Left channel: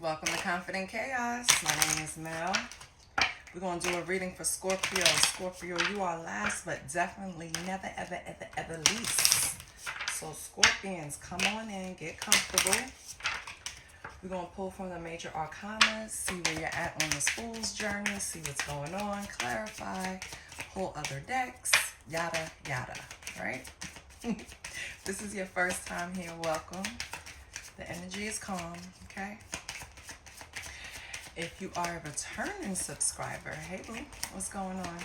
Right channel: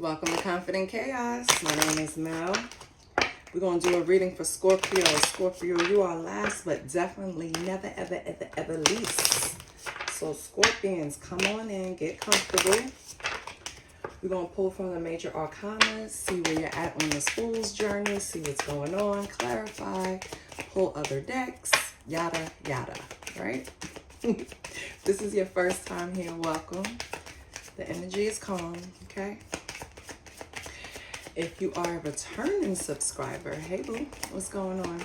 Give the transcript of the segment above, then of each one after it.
Welcome to Confident Chaos. My name is Mel. We're going to do a reading for Scorpio. Scorpio, you are last, but definitely never, ever, ever, ever least. So Scorpions, come on in, get comfortable. We're going to pull from the major arcana, see where you're at on this fool's journey, see what's going on, clarify, pull other decks, yada, yada, right? This is your first time here, welcome. The energy is calm, okay? If you are a returning subscriber, hey boo, what's going on?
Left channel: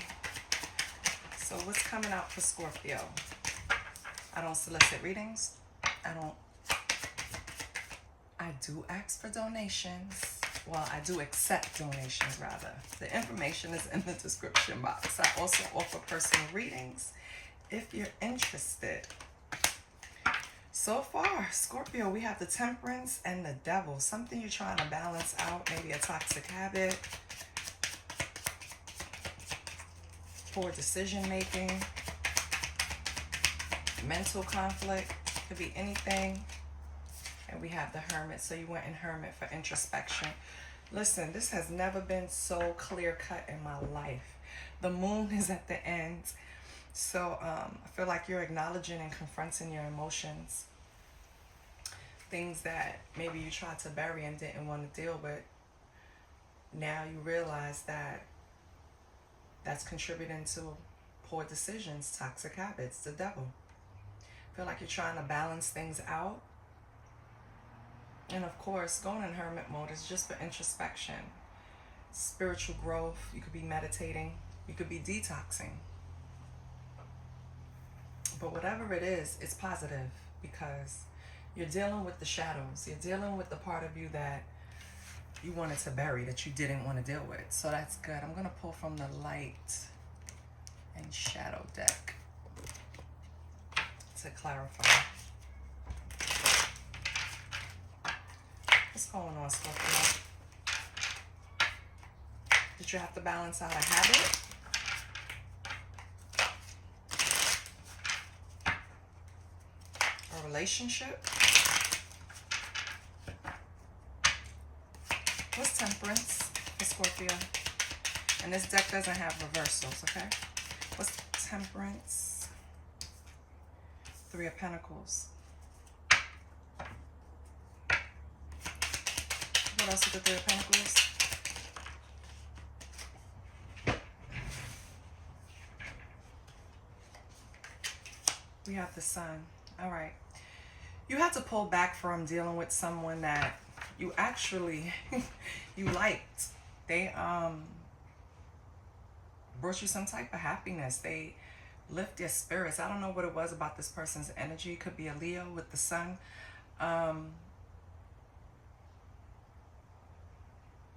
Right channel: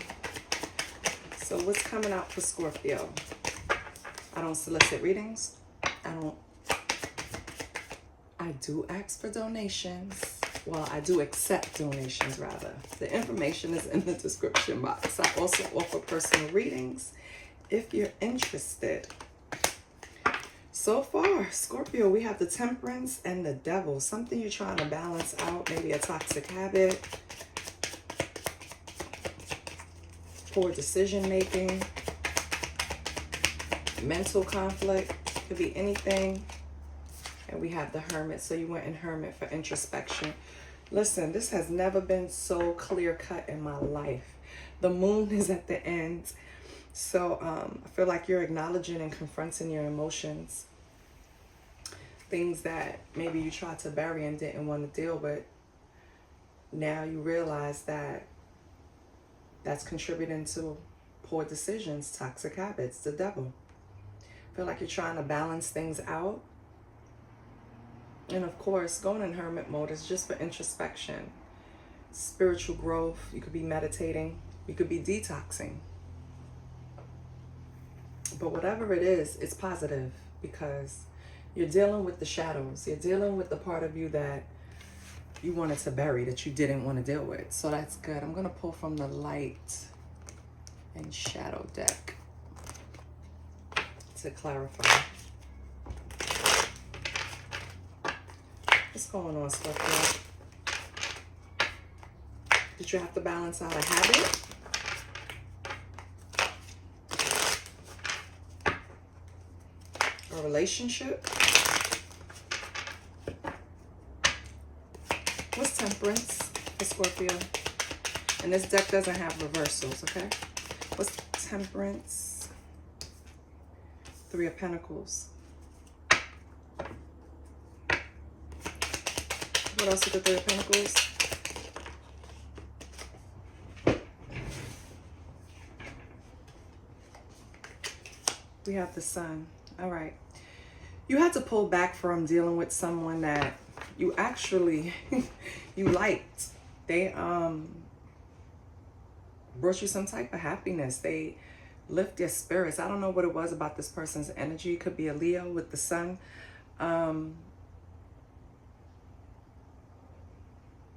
So what's coming out for Scorpio? I don't solicit readings. I do ask for donations. Well, I do accept donations rather. The information is in the description box. I also offer personal readings if you're interested. So far, Scorpio, we have the Temperance and the Devil. Something you're trying to balance out, maybe a toxic habit, poor decision making, mental conflict, could be anything. And we have the Hermit, so you went in Hermit for introspection. Listen, this has never been so clear cut in my life. The moon is at the end. So I feel like you're acknowledging and confronting your emotions. Things that maybe you tried to bury and didn't want to deal with. Now you realize that that's contributing to poor decisions, toxic habits, the devil. I feel like you're trying to balance things out. And of course, going in hermit mode is just for introspection, spiritual growth. You could be meditating. You could be detoxing. But whatever it is, it's positive because you're dealing with the shadows. You're dealing with the part of you that you wanted to bury, that you didn't want to deal with. So that's good. I'm going to pull from the light and shadow deck to clarify. What's going on, Scorpio? Did you have to balance out a habit? A relationship? What's Temperance for Scorpio? And this deck doesn't have reversals, okay? What's Temperance? Three of Pentacles. What else is the Three of Pentacles? We have the Sun. All right. You had to pull back from dealing with someone that you actually you liked. They brought you some type of happiness. They lift your spirits. I don't know what it was about this person's energy. It could be a Leo with the Sun.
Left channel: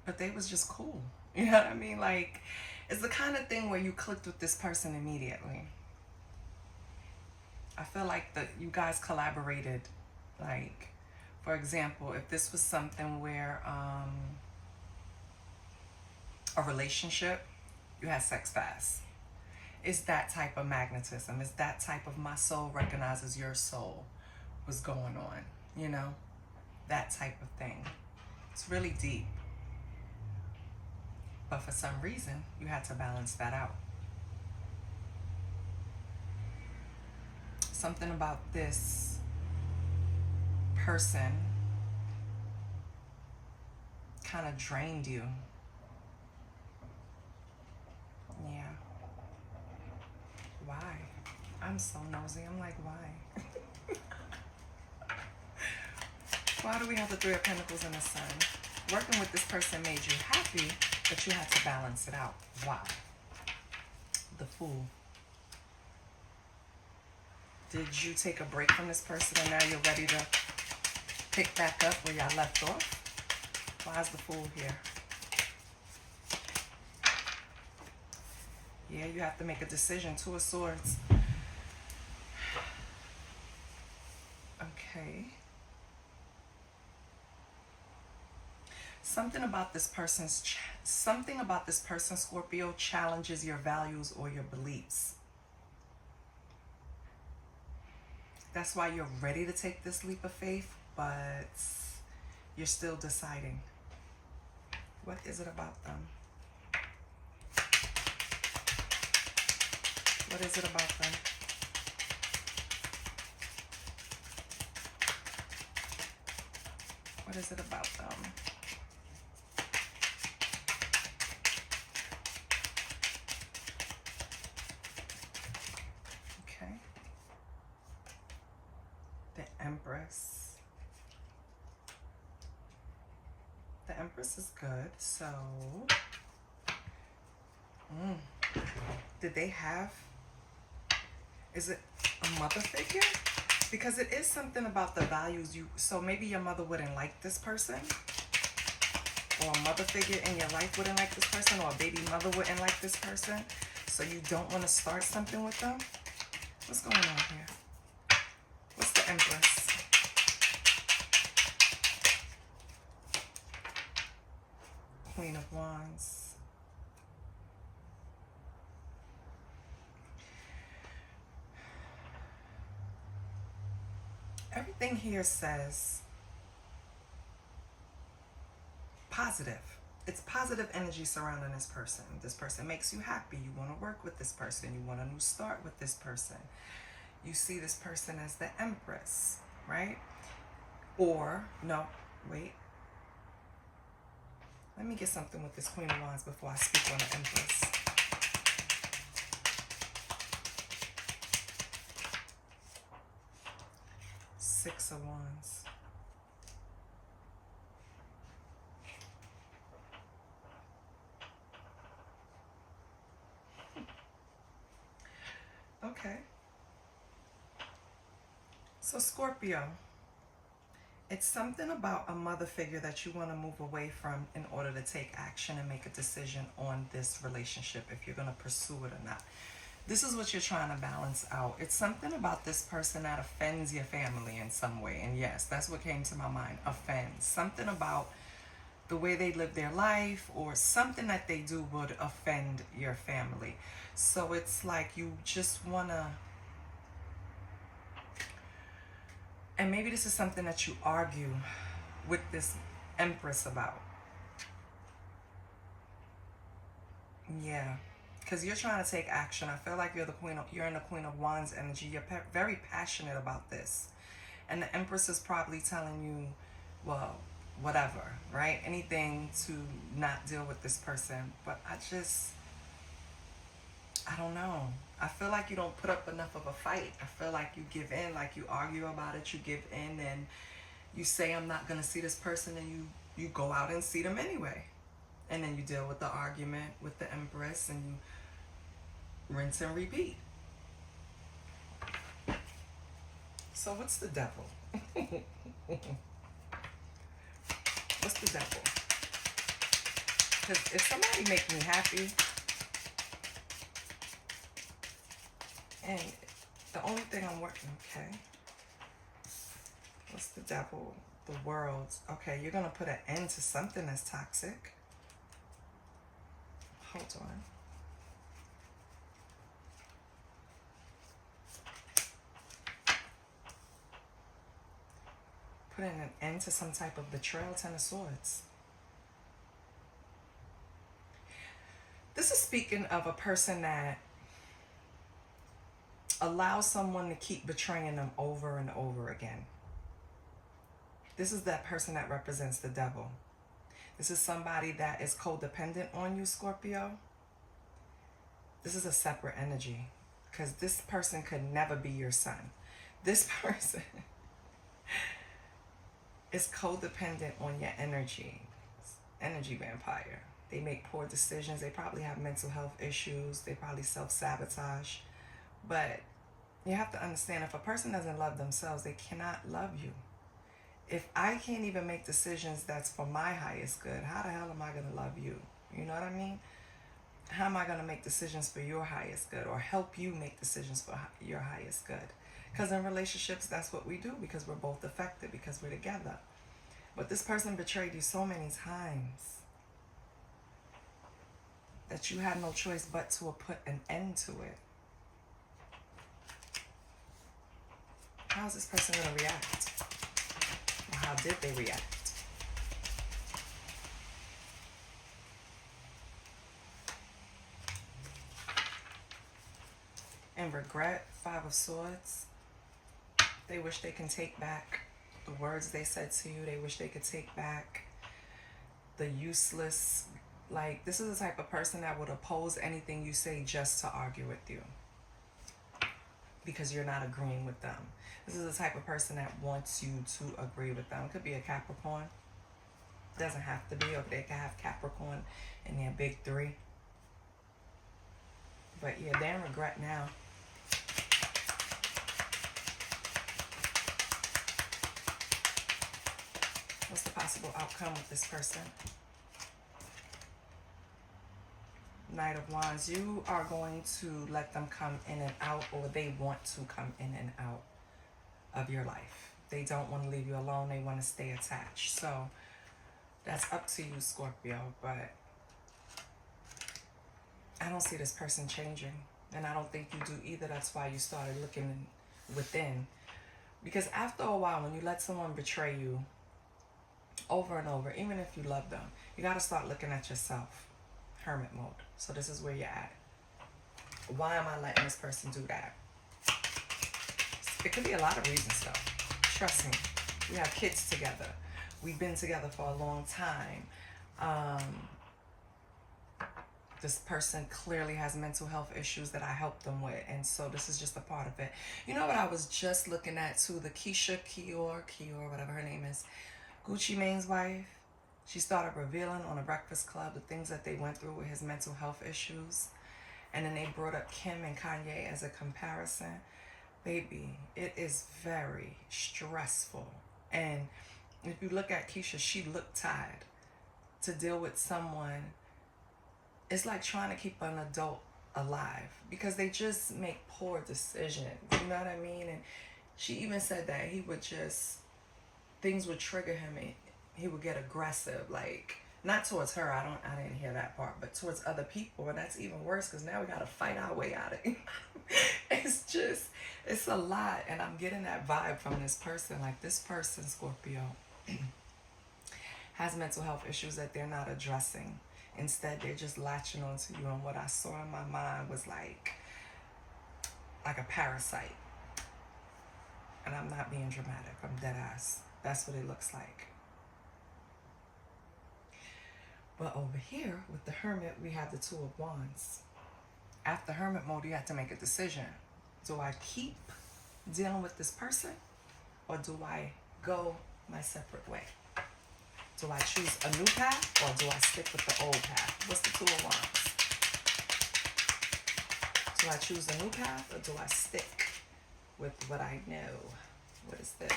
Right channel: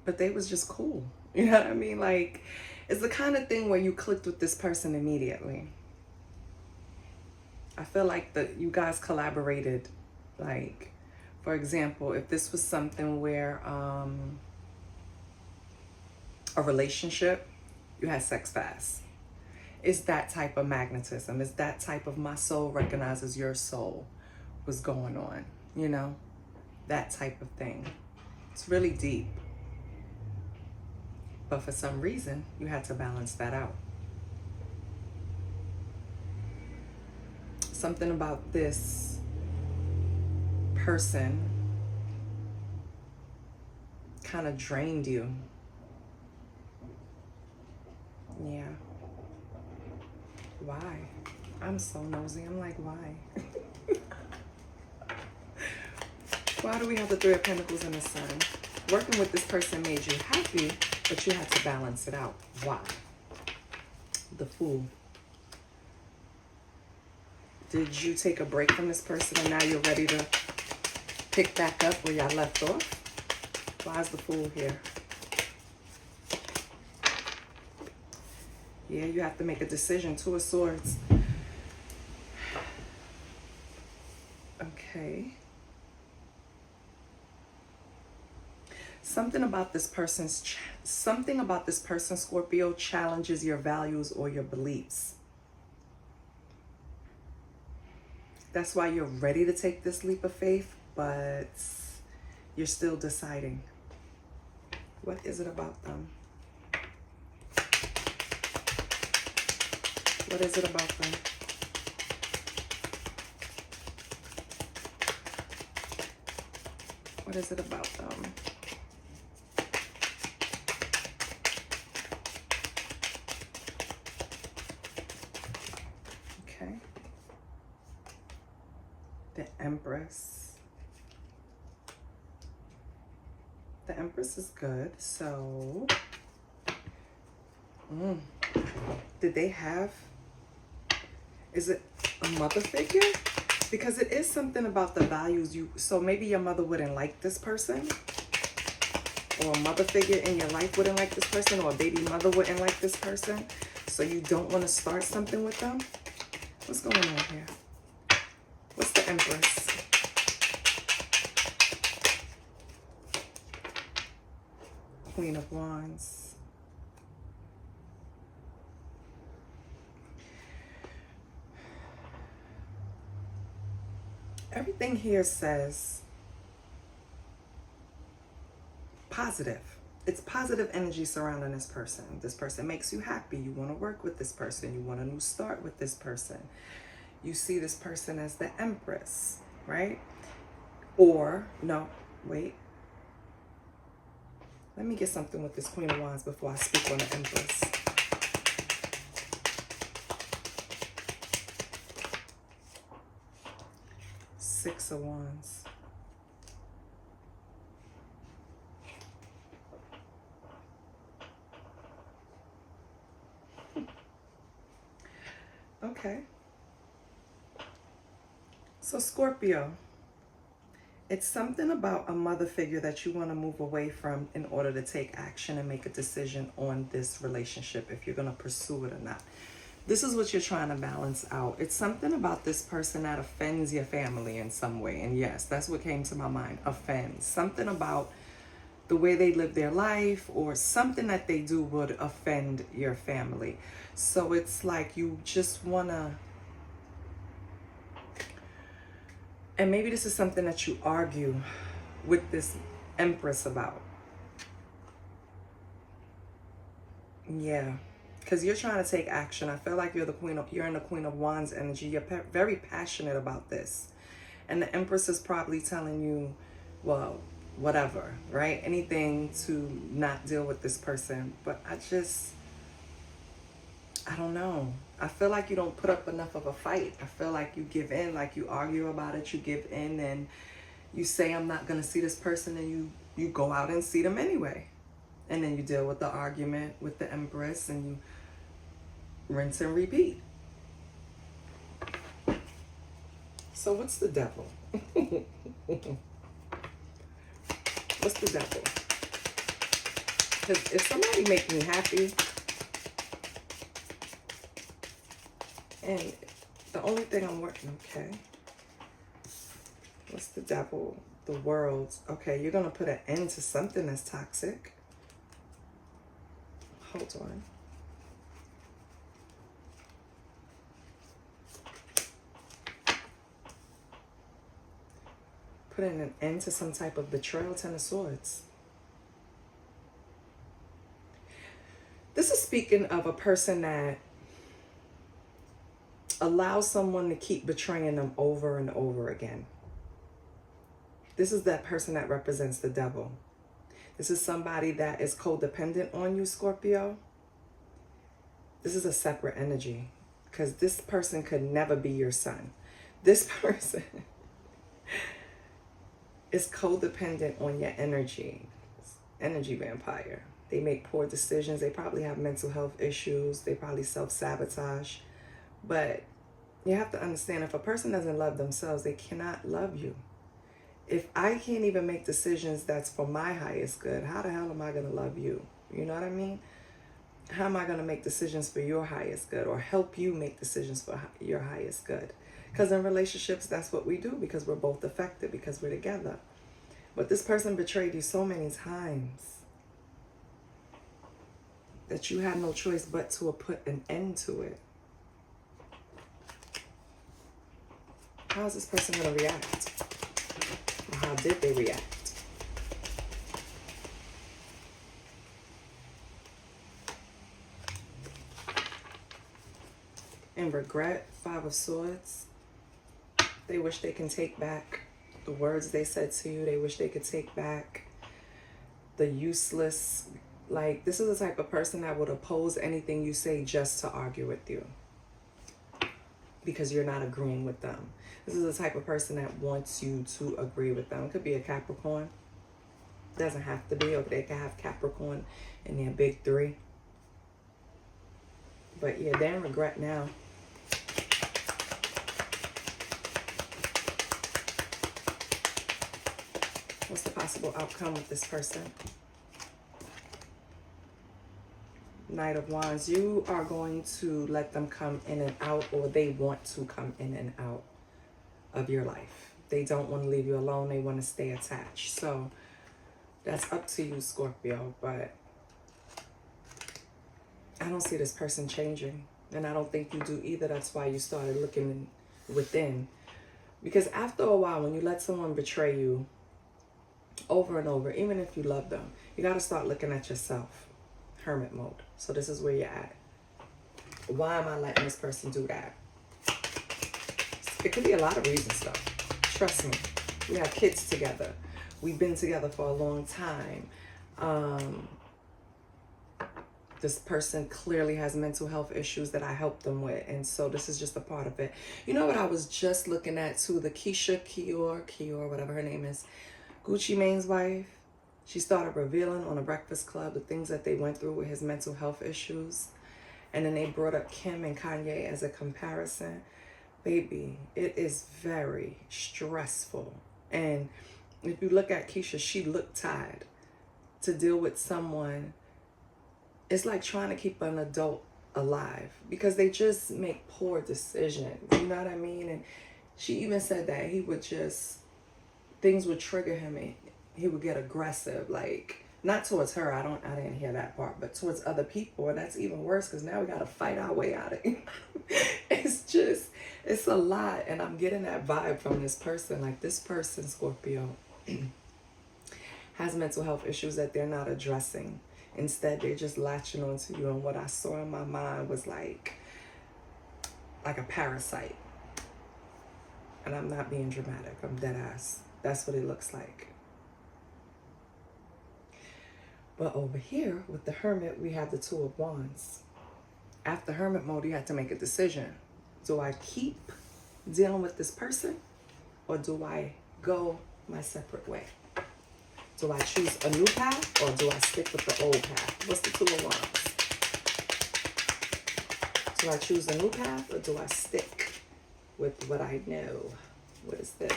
But they was just cool. You know what I mean? Like, it's the kind of thing where you clicked with this person immediately. I feel like that you guys collaborated. Like, for example, if this was something where a relationship, you had sex fast. It's that type of magnetism. It's that type of my soul recognizes your soul was going on, you know? That type of thing. It's really deep. But for some reason, you had to balance that out. Something about this person kind of drained you. Yeah. Why? I'm so nosy. I'm like, why? Why do we have the Three of Pentacles and the Sun? Working with this person made you happy, but you had to balance it out. Why? The Fool. Did you take a break from this person and now you're ready to pick back up where y'all left off? Why is the Fool here? Yeah, you have to make a decision. Two of Swords. Okay. Something about this person, Scorpio, challenges your values or your beliefs. That's why you're ready to take this leap of faith, but you're still deciding. What is it about them? What is it about them? What is it about them? Okay. The Empress. The Empress is good. So, did they have, is it a mother figure? Because it is something about the values you, so maybe your mother wouldn't like this person, or a mother figure in your life wouldn't like this person, or a baby mother wouldn't like this person, so you don't want to start something with them. What's going on here? What's the Empress? Queen of Wands. Everything here says positive. It's positive energy surrounding this person. This person makes you happy. You want to work with this person. You want a new start with this person. You see this person as the Empress, right? Or, no, wait. Let me get something with this Queen of Wands before I speak on the Empress. Six of Wands. Okay. So Scorpio, it's something about a mother figure that you want to move away from in order to take action and make a decision on this relationship, if you're going to pursue it or not. This is what you're trying to balance out. It's something about this person that offends your family in some way. And yes, that's what came to my mind. Offends. Something about the way they live their life, or something that they do would offend your family. So it's like you just want to, and maybe this is something that you argue with this Empress about. Yeah. Because you're trying to take action. I feel like you're in the Queen of Wands energy. You're very passionate about this. And the Empress is probably telling you, well, whatever, right? Anything to not deal with this person. But I don't know. I feel like you don't put up enough of a fight. I feel like you give in, like you argue about it, you give in, and you say, I'm not going to see this person, and you go out and see them anyway. And then you deal with the argument with the Empress, and you rinse and repeat. So what's the Devil? What's the Devil? Because if somebody makes me happy, and the only thing I'm working, okay. What's the Devil? The World. Okay, you're going to put an end to something that's toxic. Hold on. Putting an end to some type of betrayal. Ten of Swords. This is speaking of a person that allows someone to keep betraying them over and over again. This is that person that represents the Devil. This is somebody that is codependent on you, Scorpio. This is a separate energy, because this person could never be your son. This person is codependent on your energy. Energy vampire. They make poor decisions. They probably have mental health issues. They probably self-sabotage. But you have to understand, if a person doesn't love themselves, they cannot love you. If I can't even make decisions that's for my highest good, how the hell am I going to love you? You know what I mean? How am I going to make decisions for your highest good, or help you make decisions for your highest good? Because in relationships, that's what we do, because we're both affected, because we're together. But this person betrayed you so many times that you had no choice but to put an end to it. How is this person going to react? Or how did they react? regret, 5 of Swords. They wish they can take back the words they said to you. They wish they could take back the useless. Like, this is the type of person that would oppose anything you say just to argue with you, because you're not agreeing with them. This is the type of person that wants you to agree with them. It could be a Capricorn. Doesn't have to be. Or they can have Capricorn in their big 3. But yeah, they're in regret now. What's the possible outcome with this person? Knight of Wands. You are going to let them come in and out, or they want to come in and out of your life. They don't want to leave you alone. They want to stay attached. So that's up to you, Scorpio. But I don't see this person changing. And I don't think you do either. That's why you started looking within. Because after a while, when you let someone betray you over and over, even if you love them, you got to start looking at yourself. Hermit mode. So this is where you're at. Why am I letting this person do that? It could be a lot of reasons though. Trust me. We have kids together. We've been together for a long time. This person clearly has mental health issues that I helped them with. And so this is just a part of it. You know what I was just looking at too? The Kior, whatever her name is. Gucci Mane's wife. She started revealing on a Breakfast Club the things that they went through with his mental health issues. And then they brought up Kim and Kanye as a comparison. Baby, it is very stressful. And if you look at Keisha, she looked tired. To deal with someone, it's like trying to keep an adult alive, because they just make poor decisions. You know what I mean? And she even said that he would just, things would trigger him and he would get aggressive, like not towards her. I didn't hear that part, but towards other people. And that's even worse, because now we got to fight our way out of it. It's a lot. And I'm getting that vibe from this person. Like, this person, Scorpio, has mental health issues that they're not addressing. Instead, they're just latching onto you. And what I saw in my mind was like a parasite. And I'm not being dramatic. I'm dead ass. That's what it looks like. But over here with the Hermit, we have the 2 of Wands. After Hermit mode, you have to make a decision. Do I keep dealing with this person, or do I go my separate way? Do I choose a new path, or do I stick with the old path? What's the 2 of Wands? Do I choose a new path, or do I stick with what I know? What is this?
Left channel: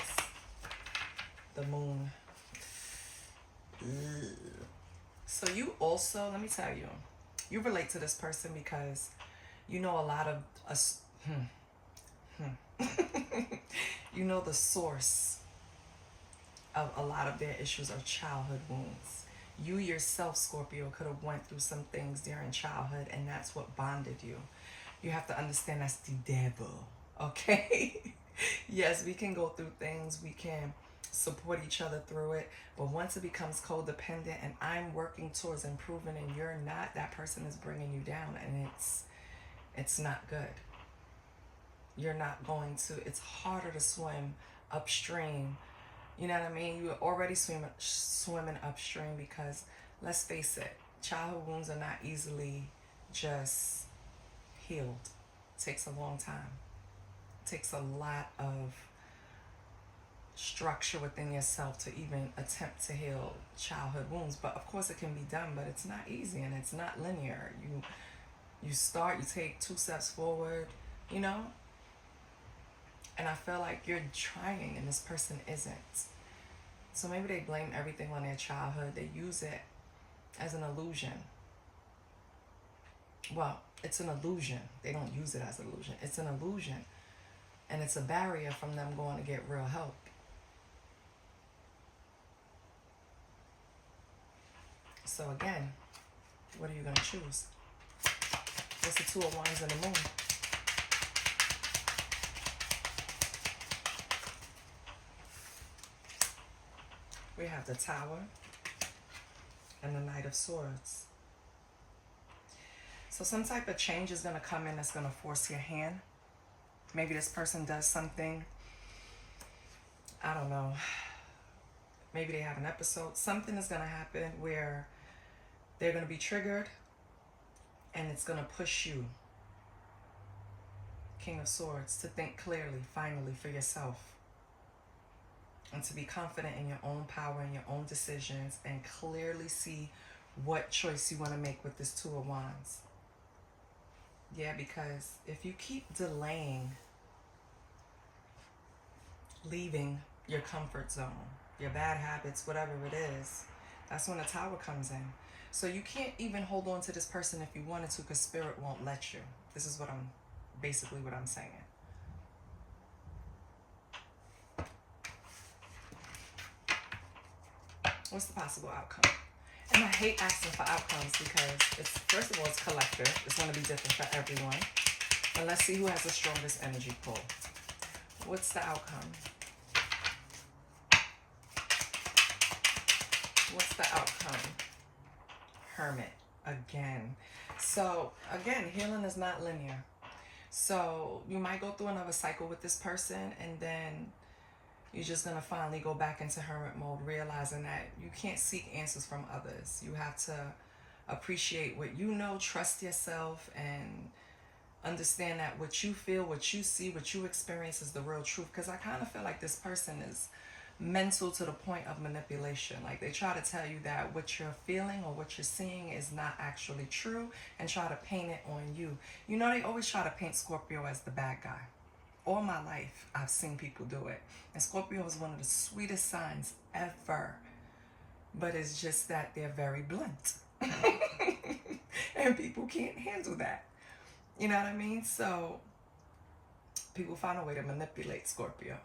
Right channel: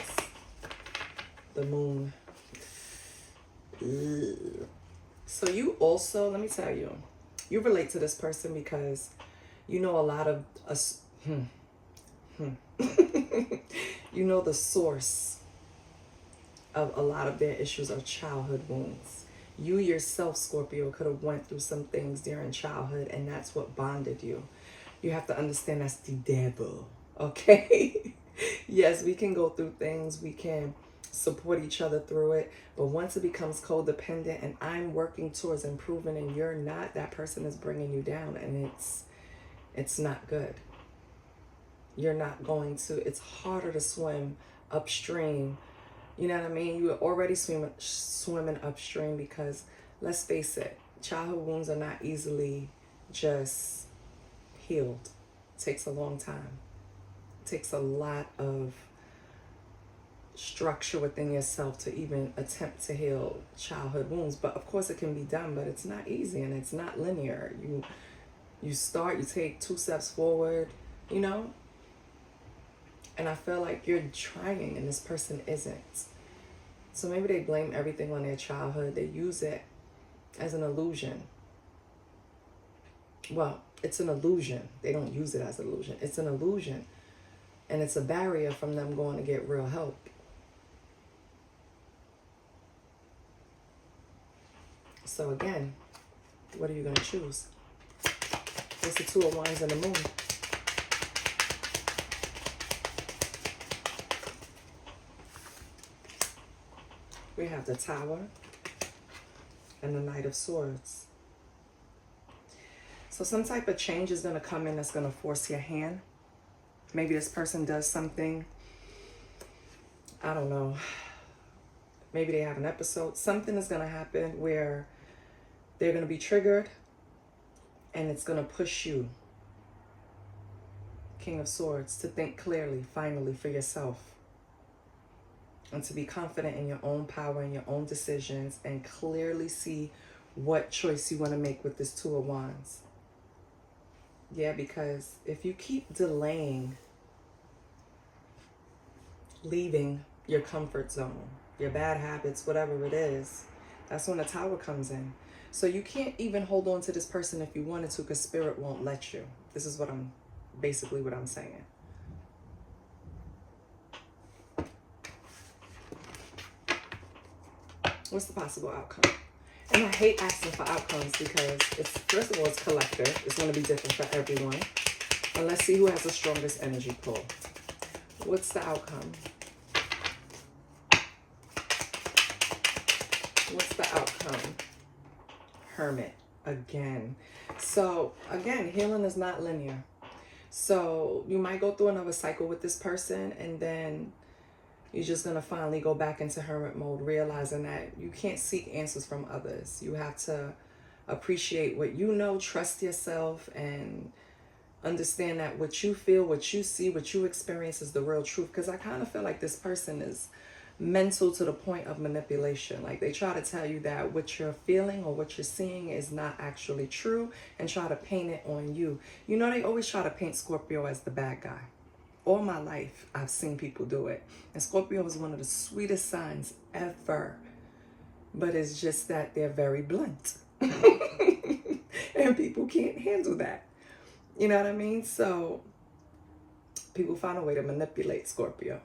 The Moon. Ugh. So you also, let me tell you, you relate to this person because you know a lot of us. You know the source of a lot of their issues are childhood wounds. You yourself, Scorpio, could have went through some things during childhood, and that's what bonded you. You have to understand that's the devil, okay? Yes, we can go through things. We can support each other through it. But once it becomes codependent and I'm working towards improving and you're not, that person is bringing you down, and it's not good. You're not going to, it's harder to swim upstream. You know what I mean? You're already swimming upstream because, let's face it, childhood wounds are not easily just healed. It takes a long time. It takes a lot of structure within yourself to even attempt to heal childhood wounds. But of course it can be done, but it's not easy and it's not linear. You start, you take 2 steps forward, you know? And I feel like you're trying and this person isn't. So maybe they blame everything on their childhood. They use it as an illusion. Well, it's an illusion. They don't use it as an illusion. It's an illusion. And it's a barrier from them going to get real help. So again, what are you going to choose? It's the 2 of Wands and the Moon. We have the Tower and the Knight of Swords. So some type of change is going to come in that's going to force your hand. Maybe this person does something, I don't know, maybe they have an episode. Something is going to happen where they're going to be triggered, and it's going to push you, King of Swords, to think clearly, finally, for yourself. And to be confident in your own power and your own decisions, and clearly see what choice you want to make with this Two of Wands. Yeah, because if you keep delaying leaving your comfort zone, your bad habits, whatever it is, that's when the Tower comes in. So you can't even hold on to this person if you wanted to, because Spirit won't let you. This is what I'm, basically what I'm saying. What's the possible outcome? And I hate asking for outcomes because it's, first of all, it's collective. It's going to be different for everyone. And let's see who has the strongest energy pull. What's the outcome? What's the outcome? Hermit again. So again, healing is not linear. So you might go through another cycle with this person, and then you're just going to finally go back into hermit mode, realizing that you can't seek answers from others. You have to appreciate what you know, trust yourself, and understand that what you feel, what you see, what you experience is the real truth. Because I kind of feel like this person is mental to the point of manipulation. Like they try to tell you that what you're feeling or what you're seeing is not actually true, and try to paint it on you. You know, they always try to paint Scorpio as the bad guy. All my life, I've seen people do it. And Scorpio is one of the sweetest signs ever. But it's just that they're very blunt. And people can't handle that. You know what I mean? So people find a way to manipulate Scorpio.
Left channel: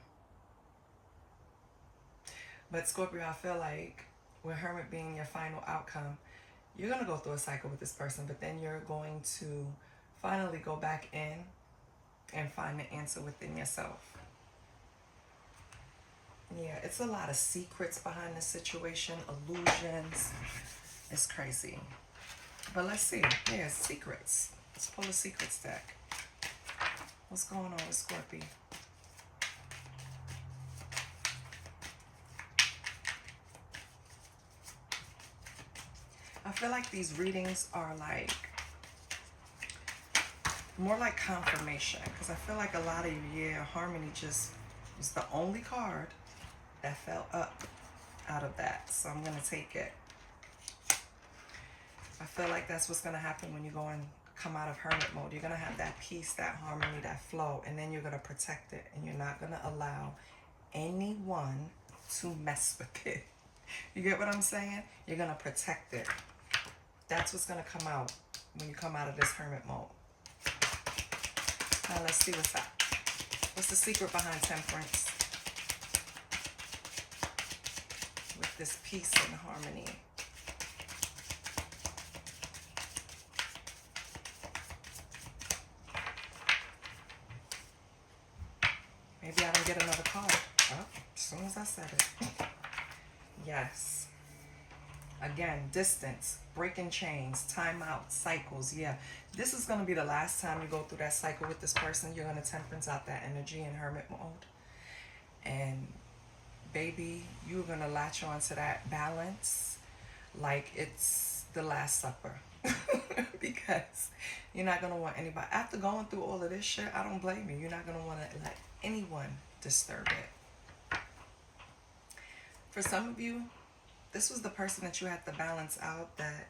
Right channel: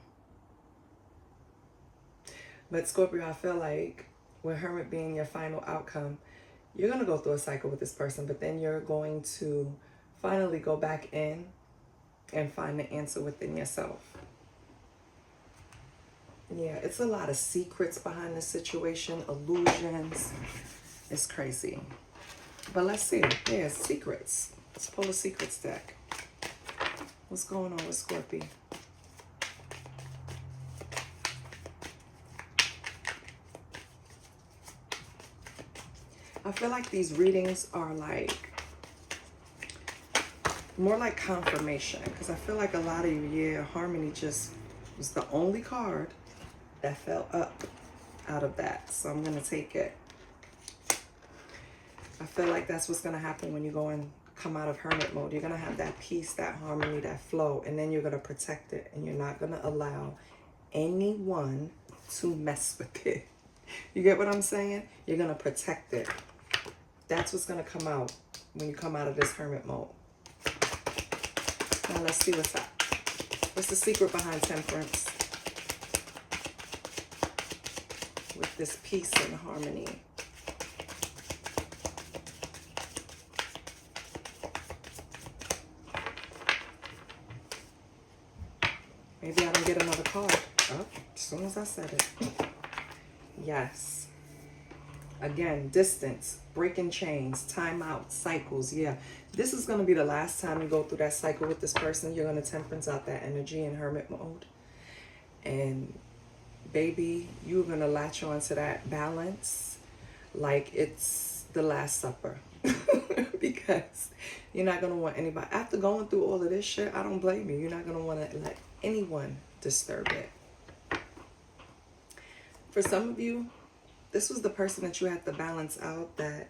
But Scorpio, I feel like with Hermit being your final outcome, you're going to go through a cycle with this person, but then you're going to finally go back in and find the answer within yourself. Yeah, it's a lot of secrets behind the situation, illusions. It's crazy. But let's see. Yeah, secrets. Let's pull a secrets deck. What's going on with Scorpio? I feel like these readings are like more like confirmation, because I feel like a lot of you, yeah, Harmony just was the only card that fell up out of that. So I'm going to take it. I feel like that's what's going to happen when you go and come out of hermit mode. You're going to have that peace, that harmony, that flow, and then you're going to protect it, and you're not going to allow anyone to mess with it. You get what I'm saying? You're going to protect it. That's what's going to come out when you come out of this hermit mode. Now let's see what's up. What's the secret behind Temperance? With this peace and harmony. Maybe I don't get another card. Oh, as soon as I said it. Yes. Again, distance, breaking chains, time out, cycles. Yeah, this is going to be the last time you go through that cycle with this person. You're going to temperance out that energy in hermit mode. And baby, you're going to latch on to that balance like it's the Last Supper. Because you're not going to want anybody. After going through all of this shit, I don't blame you. You're not going to want to let anyone disturb it. For some of you, this was the person that you had to balance out, that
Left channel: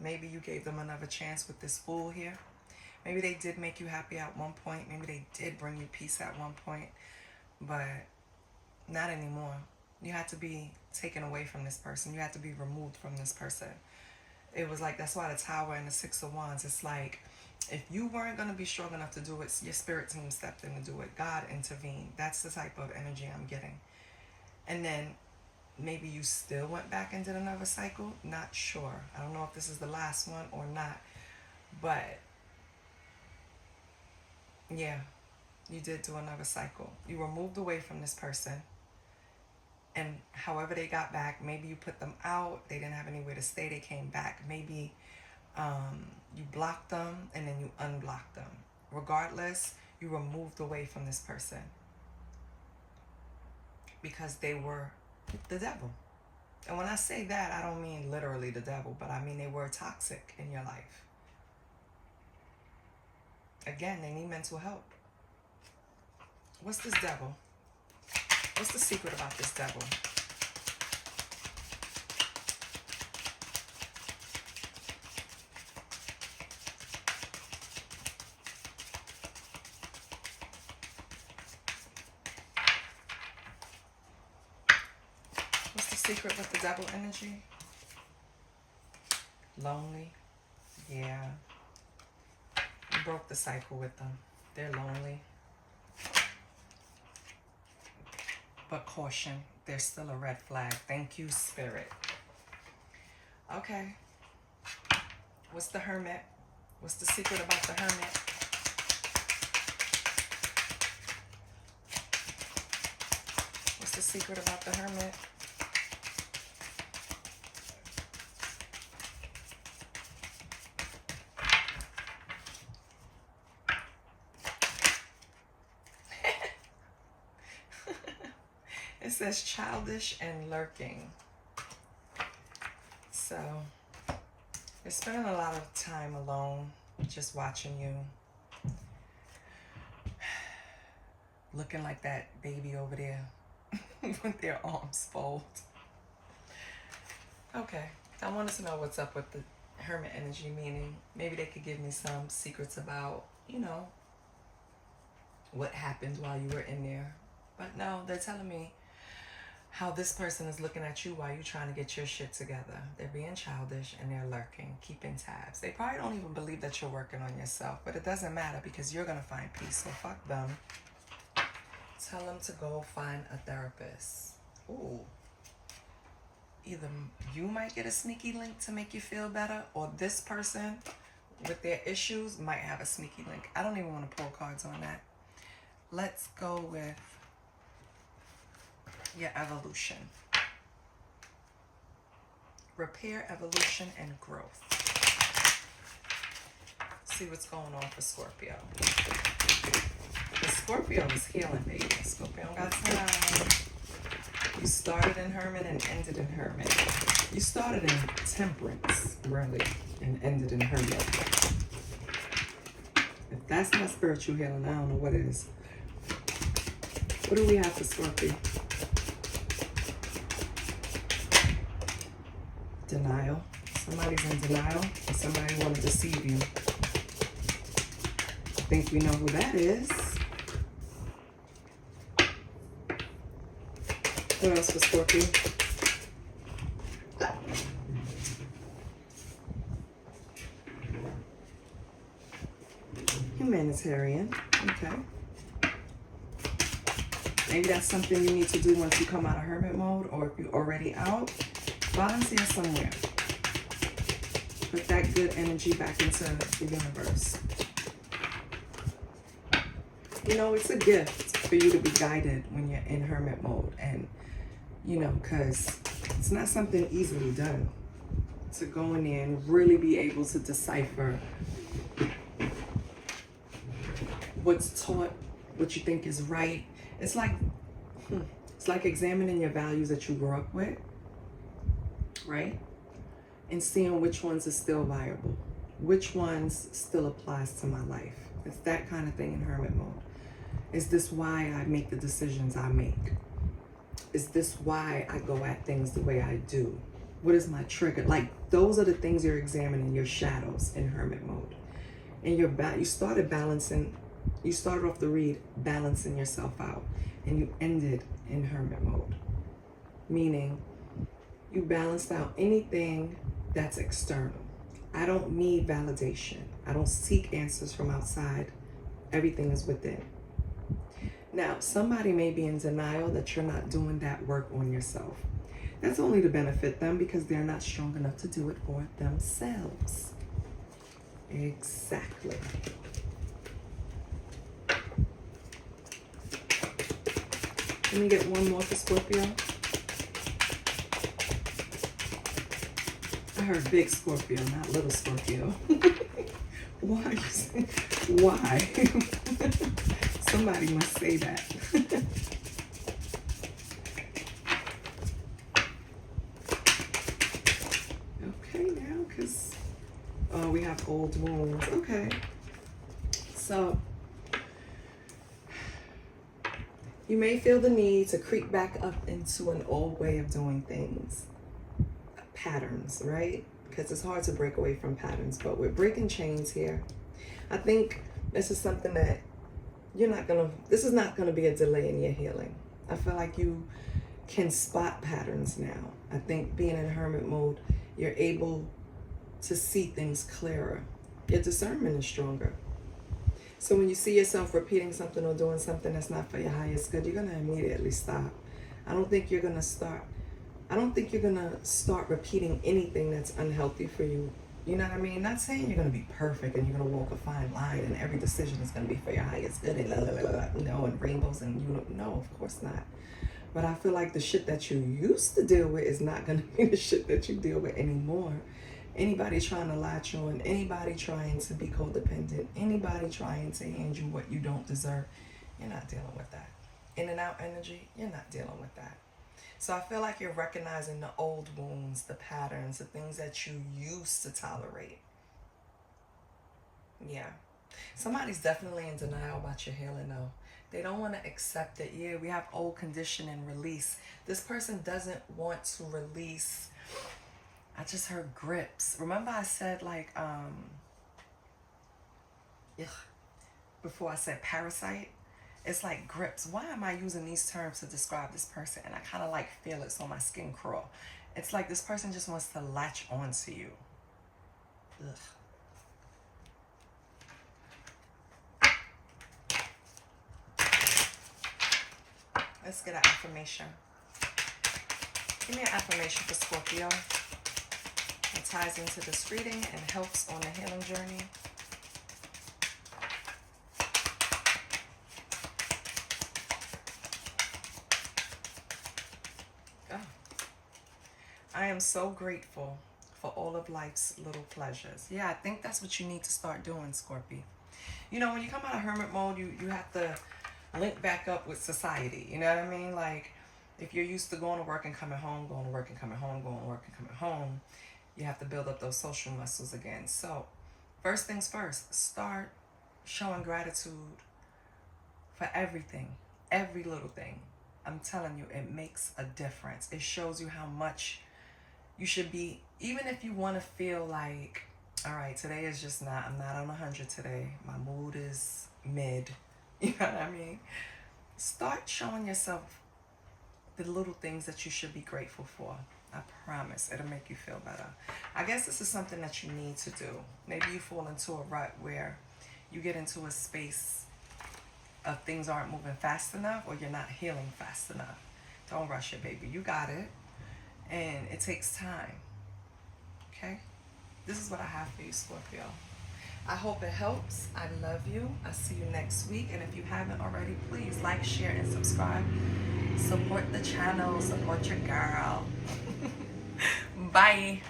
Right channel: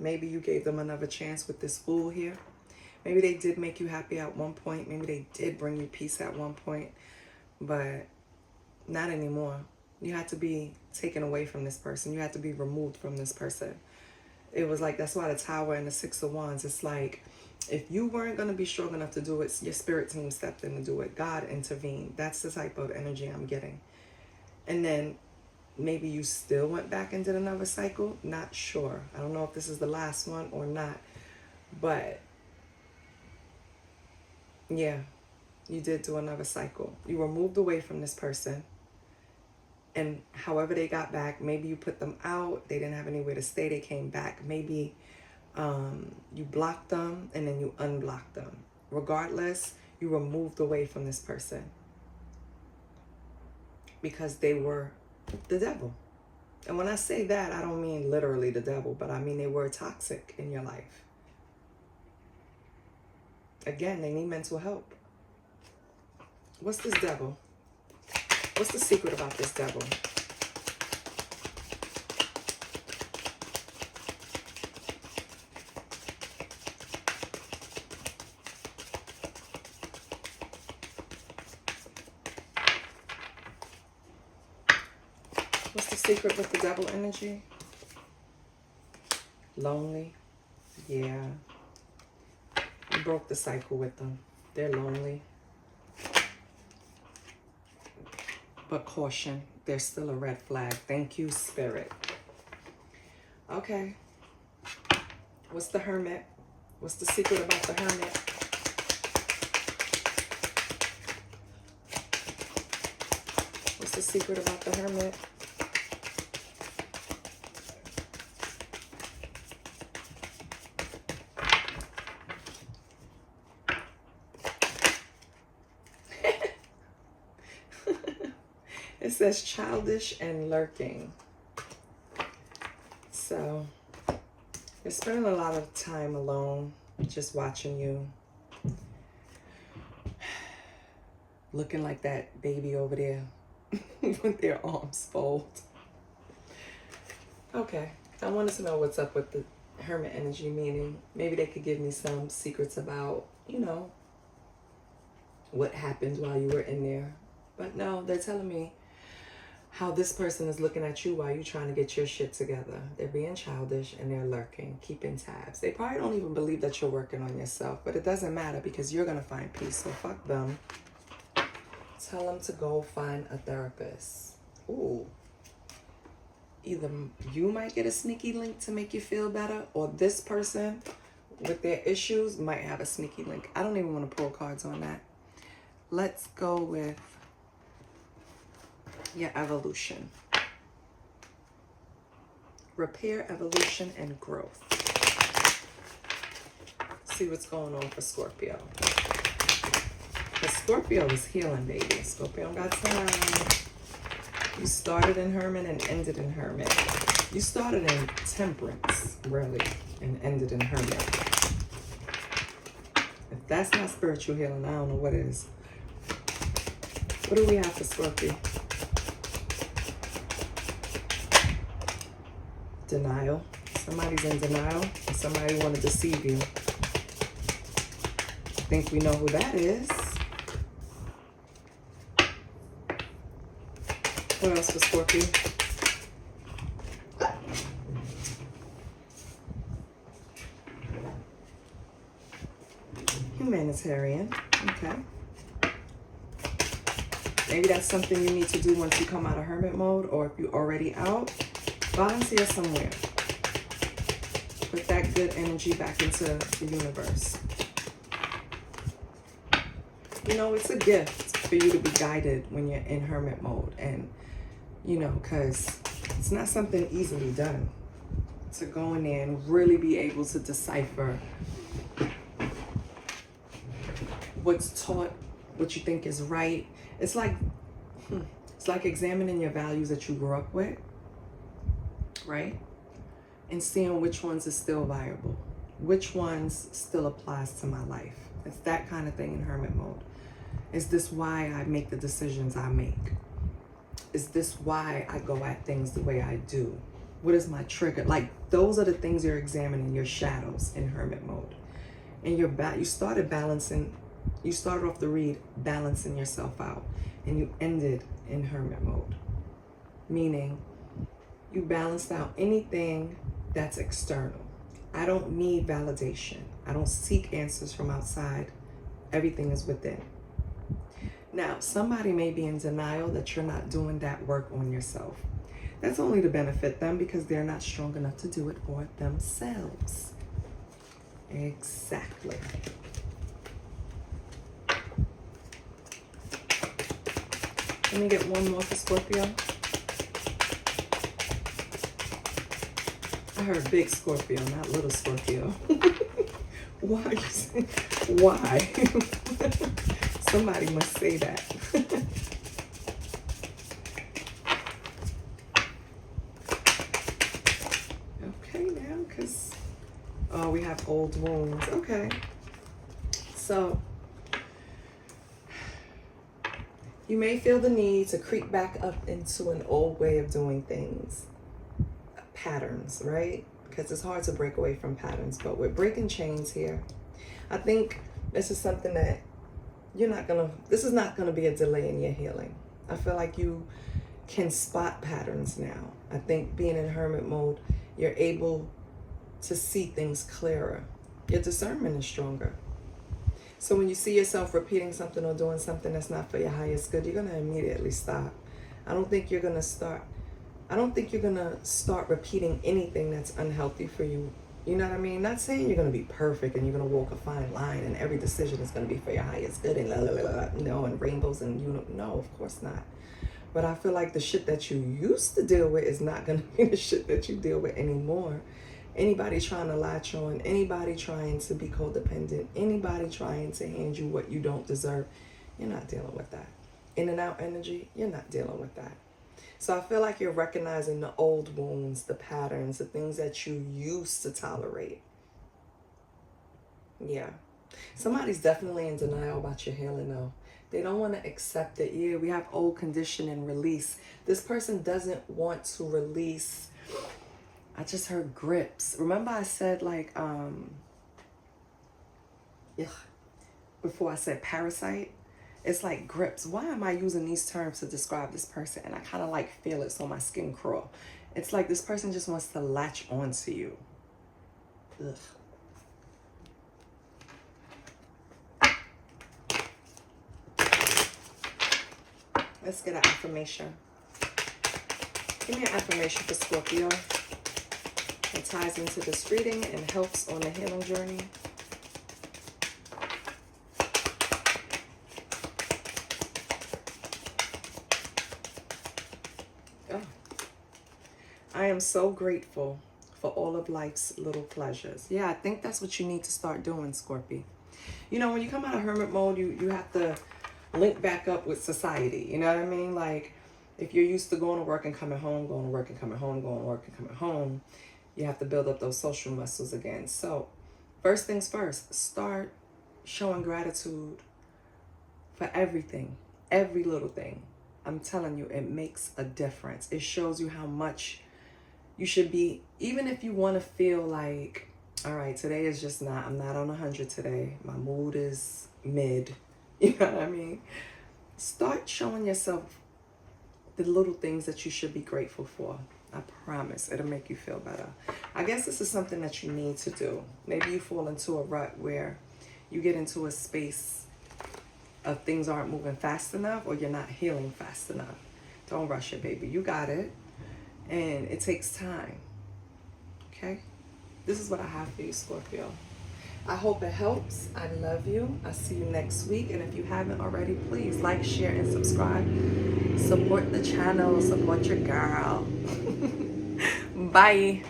maybe you gave them another chance with this Fool here. Maybe they did make you happy at one point. Maybe they did bring you peace at one point, but not anymore. You had to be taken away from this person. You had to be removed from this person. It was like, that's why the Tower and the Six of Wands, it's like, if you weren't going to be strong enough to do it, your spirit team stepped in to do it. God intervened. That's the type of energy I'm getting. And then maybe you still went back and did another cycle. Not sure. I don't know if this is the last one or not. But yeah, you did do another cycle. You were moved away from this person. And however they got back, maybe you put them out. They didn't have anywhere to stay. They came back. Maybe you blocked them and then you unblocked them. Regardless, You were moved away from this person because they were the devil. And when I say that, I don't mean literally the devil, but I mean they were toxic in your life. Again, they need mental help. What's this devil? What's the secret about this devil? What's the secret with the devil energy? Lonely. Yeah. You broke the cycle with them. They're lonely. But caution, there's still a red flag. Thank you, Spirit. Okay. What's the Hermit? What's the secret about the Hermit? What's the secret about the Hermit? It says childish and lurking. So you're spending a lot of time alone, just watching you. Looking like that baby over there with their arms folded. Okay, I wanted to know what's up with the Hermit energy, meaning maybe they could give me some secrets about, you know, what happened while you were in there. But no, they're telling me how this person is looking at you while you're trying to get your shit together. They're being childish and they're lurking, keeping tabs. They probably don't even believe that you're working on yourself, but it doesn't matter because you're going to find peace. So fuck them. Tell them to go find a therapist. Ooh. Either you might get a sneaky link to make you feel better, or this person with their issues might have a sneaky link. I don't even want to pull cards on that. Let's go with your evolution. Repair, evolution, and growth. See what's going on for Scorpio. The Scorpio is healing, baby. Scorpio got time. You started in Hermit and ended in Hermit. You started in Temperance, really, and ended in Hermit. If that's not spiritual healing, I don't know what is. What do we have for Scorpio? Denial. Somebody's in denial. Somebody want to deceive you. I think we know who that is. What else for Scorpio? Humanitarian. Okay. Maybe that's something you need to do once you come out of Hermit mode, or if you're already out, volunteer somewhere. Put that good energy back into the universe. You know, it's a gift for you to be guided when you're in Hermit mode. And, you know, because it's not something easily done. To go in there and really be able to decipher what's taught, what you think is right. It's like examining your values that you grew up with, right? And seeing which ones are still viable, which ones still applies to my life. It's that kind of thing in Hermit mode. Is this why I make the decisions I make? Is this why I go at things the way I do? What is my trigger? Like, those are the things you're examining, your shadows in Hermit mode. And you started balancing. You started off the read balancing yourself out, and you ended in Hermit mode, meaning you balanced out anything that's external. I don't need validation. I don't seek answers from outside. Everything is within. Now, somebody may be in denial that you're not doing that work on yourself. That's only to benefit them because they're not strong enough to do it for themselves. Exactly. Let me get one more for Scorpio. I heard big Scorpio, not little Scorpio. Why? Why? Somebody must say that. Okay, now, because, oh, we have old wounds. Okay. So, you may feel the need to creep back up into an old way of doing things. Patterns, right? Because it's hard to break away from patterns, but we're breaking chains here. I think this is something that this is not gonna be a delay in your healing. I feel like you can spot patterns now. I think being in hermit mode, you're able to see things clearer. Your discernment is stronger. So when you see yourself repeating something or doing something that's not for your highest good, you're gonna immediately stop. I don't think you're gonna start repeating anything that's unhealthy for you. You know what I mean? Not saying you're gonna be perfect and you're gonna walk a fine line and every decision is gonna be for your highest good and and rainbows and no, of course not. But I feel like the shit that you used to deal with is not gonna be the shit that you deal with anymore. Anybody trying to latch on, anybody trying to be codependent, anybody trying to hand you what you don't deserve, you're not dealing with that. In and out energy, you're not dealing with that. So I feel like you're recognizing the old wounds, the patterns, the things that you used to tolerate. Yeah. Somebody's definitely in denial about your healing though. They don't want to accept it. Yeah, we have old condition and release. This person doesn't want to release. I just heard grips. Remember I said like, before I said parasite? It's like grips. Why am I using these terms to describe this person? And I kind of like feel it so my skin crawl. It's like this person just wants to latch onto you. Ugh. Let's get an affirmation. Give me an affirmation for Scorpio. It ties into this reading and helps on the healing journey. Oh. I am so grateful for all of life's little pleasures. Yeah, I think that's what you need to start doing, Scorpio. You know, when you come out of hermit mode, you have to link back up with society. You know what I mean? Like, if you're used to going to work and coming home, going to work and coming home, going to work and coming home, you have to build up those social muscles again. So, first things first, start showing gratitude for everything, every little thing. I'm telling you, it makes a difference. It shows you how much you should be, even if you want to feel like, all right, today is just not, I'm not on 100 today. My mood is mid. You know what I mean? Start showing yourself the little things that you should be grateful for. I promise it'll make you feel better. I guess this is something that you need to do. Maybe you fall into a rut where you get into a space of things aren't moving fast enough or you're not healing fast enough. Don't rush it, baby. You got it. And it takes time. Okay? This is what I have for you, Scorpio. I hope it helps. I love you. I'll see you next week. And if you haven't already, please like, share, and subscribe. Support the channel. Support your girl. Bye.